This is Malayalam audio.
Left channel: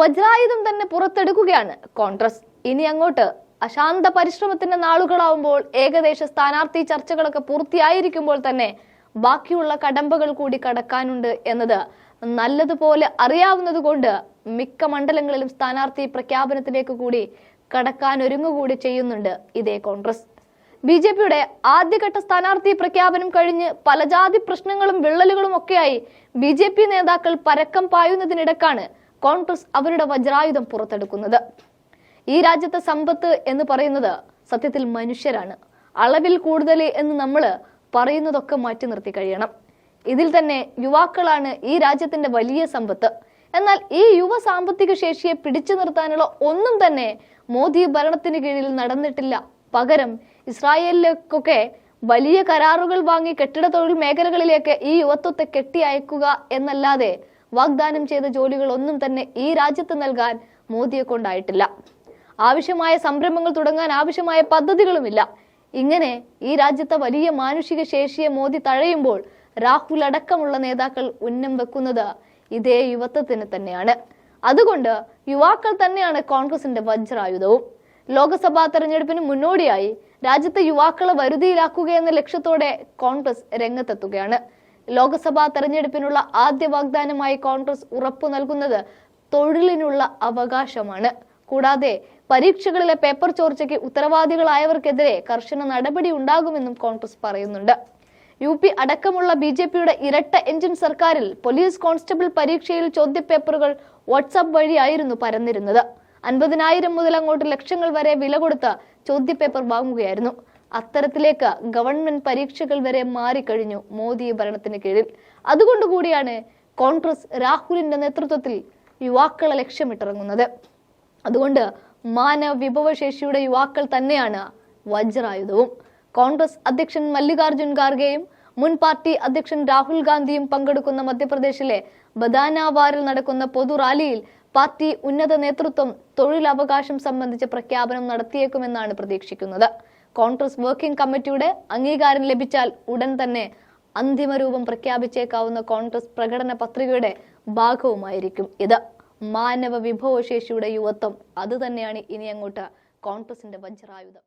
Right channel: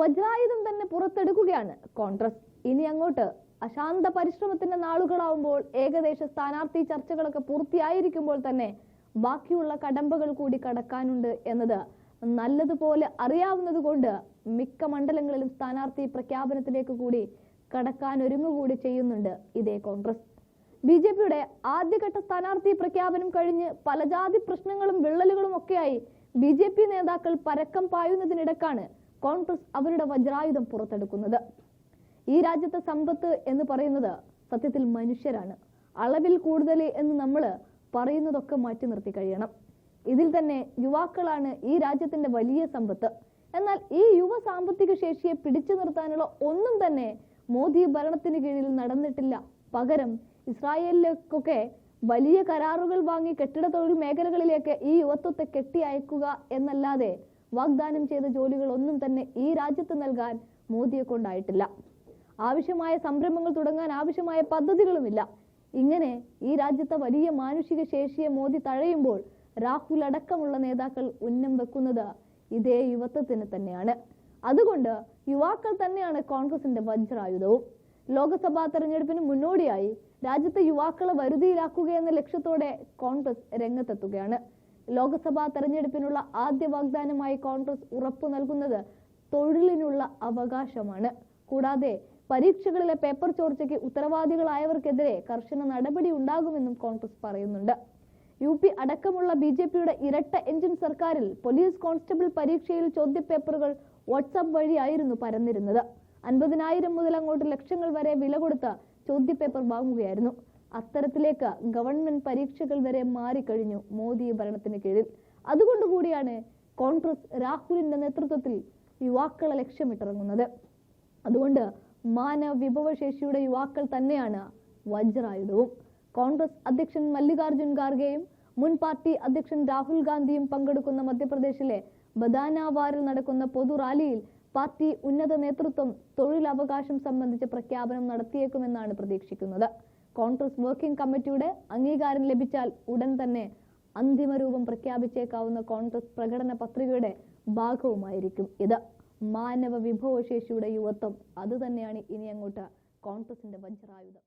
വജ്രായുധം തന്നെ പുറത്തെടുക്കുകയാണ് കോൺഗ്രസ്. ഇനി അങ്ങോട്ട് അശാന്ത പരിശ്രമത്തിന്റെ നാളുകളാവുമ്പോൾ ഏകദേശ സ്ഥാനാർത്ഥി ചർച്ചകളൊക്കെ പൂർത്തിയായിരിക്കുമ്പോൾ തന്നെ ബാക്കിയുള്ള കടമ്പകൾ കൂടി കടക്കാനുണ്ട് എന്നത് നല്ലതുപോലെ അറിയാവുന്നതുകൊണ്ട് മിക്ക മണ്ഡലങ്ങളിലും സ്ഥാനാർത്ഥി പ്രഖ്യാപനത്തിലേക്ക് കൂടി കടക്കാൻ ഒരുങ്ങുകൂടി ചെയ്യുന്നുണ്ട് ഇതേ കോൺഗ്രസ്. ബി ജെ പിയുടെ ആദ്യഘട്ട സ്ഥാനാർത്ഥി പ്രഖ്യാപനം കഴിഞ്ഞ് പല ജാതി പ്രശ്നങ്ങളും വിള്ളലുകളും ഒക്കെയായി ബി ജെ പി നേതാക്കൾ പരക്കം പായുന്നതിനിടക്കാണ് കോൺഗ്രസ് അവരുടെ വജ്രായുധം പുറത്തെടുക്കുന്നത്. ഈ രാജ്യത്തെ സമ്പത്ത് എന്ന് പറയുന്നത് സത്യത്തിൽ മനുഷ്യരാണ്. അളവിൽ കൂടുതൽ എന്ന് നമ്മൾ പറയുന്നതൊക്കെ മാറ്റി നിർത്തി കഴിയണം. ഇതിൽ തന്നെ യുവാക്കളാണ് ഈ രാജ്യത്തിന്റെ വലിയ സമ്പത്ത്. എന്നാൽ ഈ യുവ സാമ്പത്തിക ശേഷിയെ പിടിച്ചു നിർത്താനുള്ള ഒന്നും തന്നെ മോദി ഭരണത്തിന് കീഴിൽ നടന്നിട്ടില്ല. പകരം ഇസ്രായേലിലേക്കൊക്കെ വലിയ കരാറുകൾ വാങ്ങി കെട്ടിട തൊഴിൽ മേഖലകളിലേക്ക് ഈ യുവത്വത്തെ കെട്ടി അയക്കുക എന്നല്ലാതെ വാഗ്ദാനം ചെയ്ത ജോലികൾ ഒന്നും തന്നെ ഈ രാജ്യത്ത് നൽകാൻ മോദിയെ കൊണ്ടായിട്ടില്ല. ആവശ്യമായ സംരംഭങ്ങൾ തുടങ്ങാൻ ആവശ്യമായ പദ്ധതികളുമില്ല. ഇങ്ങനെ ഈ രാജ്യത്തെ വലിയ മാനുഷിക ശേഷിയെ മോദി തഴയുമ്പോൾ രാഹുൽ അടക്കമുള്ള നേതാക്കൾ ഉന്നം വെക്കുന്നത് ഇതേ യുവത്വത്തിന് തന്നെയാണ്. അതുകൊണ്ട് യുവാക്കൾ തന്നെയാണ് കോൺഗ്രസിന്റെ വജ്രായുധവും. ലോക്സഭാ തെരഞ്ഞെടുപ്പിന് മുന്നോടിയായി രാജ്യത്തെ യുവാക്കളെ വരുതിയിലാക്കുക എന്ന ലക്ഷ്യത്തോടെ കോൺഗ്രസ് രംഗത്തെത്തുകയാണ്. ലോക്സഭാ തെരഞ്ഞെടുപ്പിനുള്ള ആദ്യ വാഗ്ദാനമായി കോൺഗ്രസ് ഉറപ്പു നൽകുന്നത് തൊഴിലിനുള്ള അവകാശമാണ്. കൂടാതെ പരീക്ഷകളിലെ പേപ്പർ ചോർച്ചയ്ക്ക് ഉത്തരവാദികളായവർക്കെതിരെ കർശന നടപടി ഉണ്ടാകുമെന്നും കോൺഗ്രസ് പറയുന്നുണ്ട്. യു പി അടക്കമുള്ള ബി ജെ പിയുടെ ഇരട്ട എഞ്ചിൻ സർക്കാരിൽ പോലീസ് കോൺസ്റ്റബിൾ പരീക്ഷയിൽ ചോദ്യപേപ്പറുകൾ വാട്സാപ്പ് വഴിയായിരുന്നു പരന്നിരുന്നത്. അൻപതിനായിരം മുതൽ അങ്ങോട്ട് ലക്ഷങ്ങൾ വരെ വില കൊടുത്ത് ചോദ്യപേപ്പർ വാങ്ങുകയായിരുന്നു. അത്തരത്തിലേക്ക് ഗവൺമെന്റ് പരീക്ഷകൾ വരെ മാറിക്കഴിഞ്ഞു മോദി ഭരണത്തിന് കീഴിൽ. അതുകൊണ്ടുകൂടിയാണ് കോൺഗ്രസ് രാഹുലിന്റെ നേതൃത്വത്തിൽ യുവാക്കളെ ലക്ഷ്യമിട്ടിറങ്ങുന്നത്. അതുകൊണ്ട് മാനവ വിഭവശേഷിയുടെ യുവാക്കൾ തന്നെയാണ് വജ്രായുധവും. കോൺഗ്രസ് അധ്യക്ഷൻ മല്ലികാർജുൻ ഖാർഗെയും മുൻ പാർട്ടി അധ്യക്ഷൻ രാഹുൽ ഗാന്ധിയും പങ്കെടുക്കുന്ന മധ്യപ്രദേശിലെ ബദാനാവാറിൽ നടക്കുന്ന പൊതു റാലിയിൽ പാർട്ടി ഉന്നത നേതൃത്വം തൊഴിലവകാശം സംബന്ധിച്ച പ്രഖ്യാപനം നടത്തിയേക്കുമെന്നാണ് പ്രതീക്ഷിക്കുന്നത്. കോൺഗ്രസ് വർക്കിംഗ് കമ്മിറ്റിയുടെ അംഗീകാരം ലഭിച്ചാൽ ഉടൻ തന്നെ അന്തിമരൂപം പ്രഖ്യാപിച്ചേക്കാവുന്ന കോൺഗ്രസ് പ്രകടന പത്രികയുടെ ഭാഗവുമായിരിക്കും ഇത്. മാനവ വിഭവശേഷിയുടെ യുവത്വം അത് തന്നെയാണ് ഇനി അങ്ങോട്ട് കോൺഗ്രസിന്റെ വജ്രായുധം.